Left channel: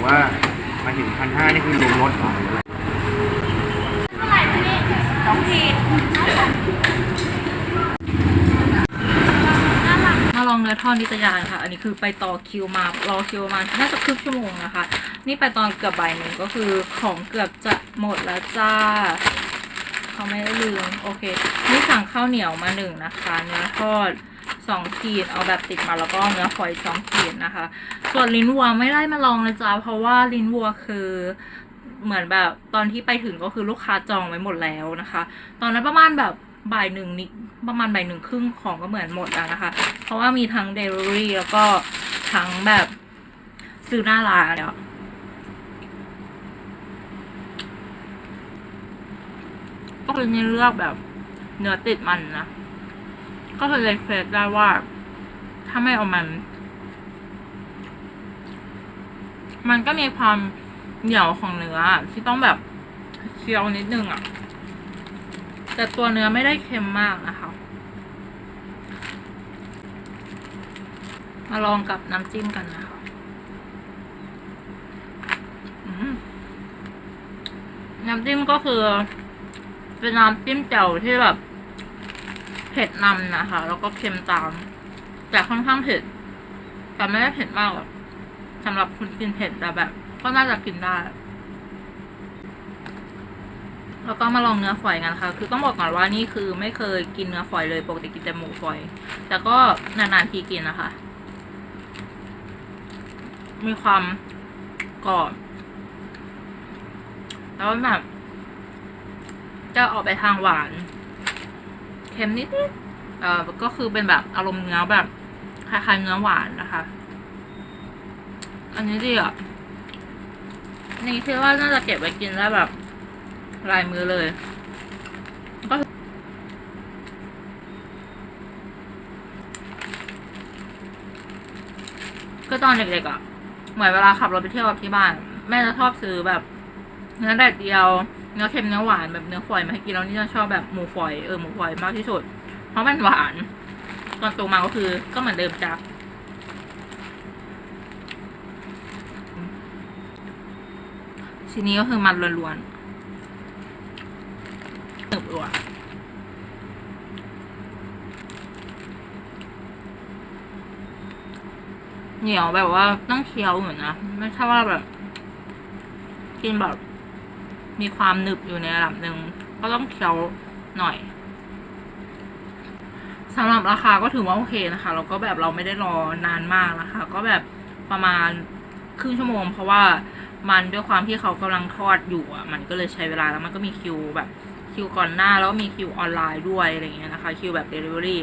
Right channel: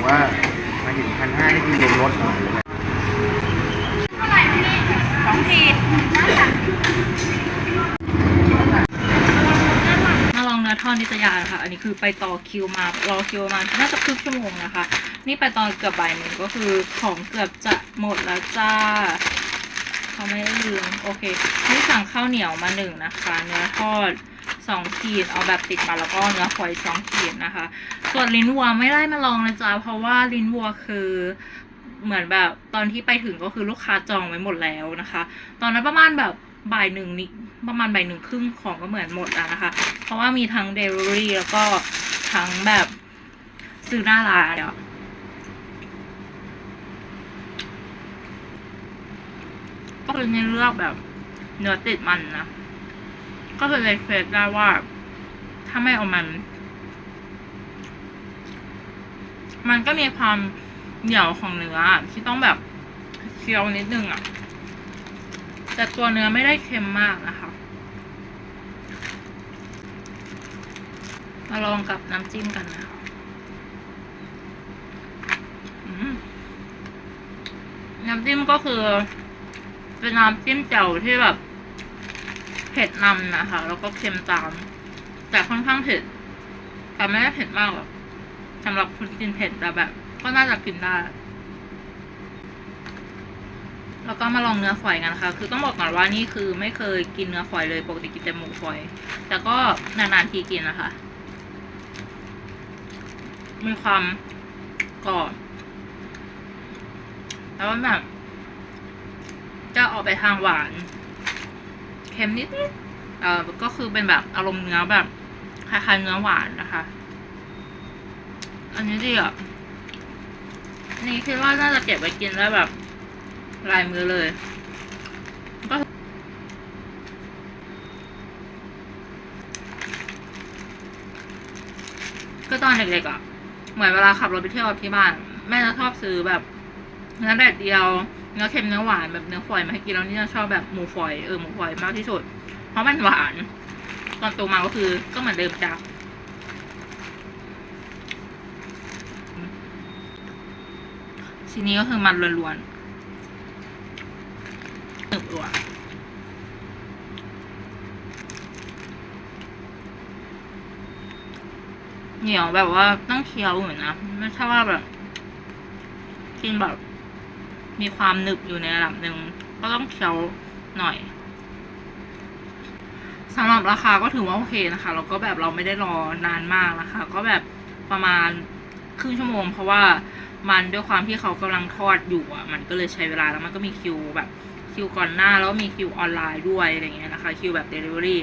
งว่ามาถึงพันห้านี่คือรวมรถเหรอหรืออะไรสองขีมาลองเนื้อทอดนิตยาค่ะ อันนี้คือไปต่อคิวมารอคิวมาน่าจะครึ่งชั่วโมงนะคะ นี่ไปตอนเกือบบ่ายโมงก็คือของเกือบจะหมดแล้วจ้าเขาไม่ได้ลืมโอเค นี่สั่งข้าวเหนียวมาหนึ่งนะคะ เนื้อทอด สองขีดเอาแบบติดมาแล้วก็เนื้อฝอยสองขีดนะคะ ส่วนลิ้นวัวไม่ได้มาลองนะจ๊ะเพราะว่าลิ้นวัวคือเหมือนแบบตอนที่ไปถึงก็คือลูกค้าจองไว้หมดแล้วนะคะ ตอนนั้นประมาณแบบบ่ายหนึ่งนิประมาณบ่ายหนึ่งครึ่งของก็เหมือนหมดแล้วนะคะ เพราะว่ามีทั้งเดลิเวอรี่แล้วก็ทั้งแบบซื้อหน้าร้านเนี่ยก็คือเลือกแบบเนื้อติดมันนะ ก็คือเลยเควสได้ว่า ถ้าไม่เอามัน มันก็มีความเหนียวของเนื้อที่ต้องแบบเคี้ยวนิดนึงอะ แต่ตัวเนื้อไม่ได้เค็มมากนะคะ มาลองกับน้ำจิ้มกันนะคะน้ำจิ้มก็คือ เป็นน้ำจิ้มแจ่วที่แบบ เผ็ดนำนะคะ แล้วก็เค็มตาม แต่ค่อนข้างเผ็ดแต่ไม่ได้เผ็ดมากหรอกสำหรับคนกินเผ็ดแต่แบบ ก็น่าจะกินได้ แล้วก็มาลองเนื้อฝอยกันค่ะ คือต้องบอกก่อนว่านี่คือไม่เคยกินเนื้อฝอยเลยปกติกินแต่หมูฝอย แต่ก็นานๆทีกินนะคะ มีความกรอบแล้วแบบจะออกไปทางหวาน เค็มนิดเอ่อก็คือเป็นแบบอารมณ์เนื้อแบบคล้ายๆเนื้อหวานนะคะ อันนี้ดีอะนี่คิดว่าน่าจะเก็บไว้กินได้วแบบลายมือเลยก็ก็ตอนเด็กๆอะ เหมือนเวลาขับรถไปเที่ยวกับที่บ้าน แม่จะชอบซื้อแบบเนื้อแดดเดียว เนื้อเค็มเนื้อหวานแบบเนื้อฝอยมาให้กินแล้วนี่จะชอบแบบหมูฝอยเออหมูฝอยมากที่สุด เพราะมันหวาน ตอนโตมาก็คือก็เหมือนเดิมจ้ะทีนี้ก็คือมันล้วนๆหนึบรัวเหนียวแบบว่าต้องเคี้ยวอยู่นะ ไม่ใช่ว่าแบบ กินแบบ มีความหนึบอยู่ในระดับหนึ่งก็ต้องเคี้ยวหน่อยสำหรับราคาก็ถือว่าโอเคนะคะแล้วก็แบบเราไม่ได้รอนานมากนะคะ ก็แบบประมาณครึ่งชั่วโมง เพราะว่ามันด้วยความที่เขากำลังทอดอยู่อะ มันก็เลยใช้เวลาแล้วมันก็มีคิวแบบคิวก่อนหน้าแล้วมีคิวออนไลน์ด้วยอะไรเงี้ยนะคะคิวแบบเดลิเวอรี่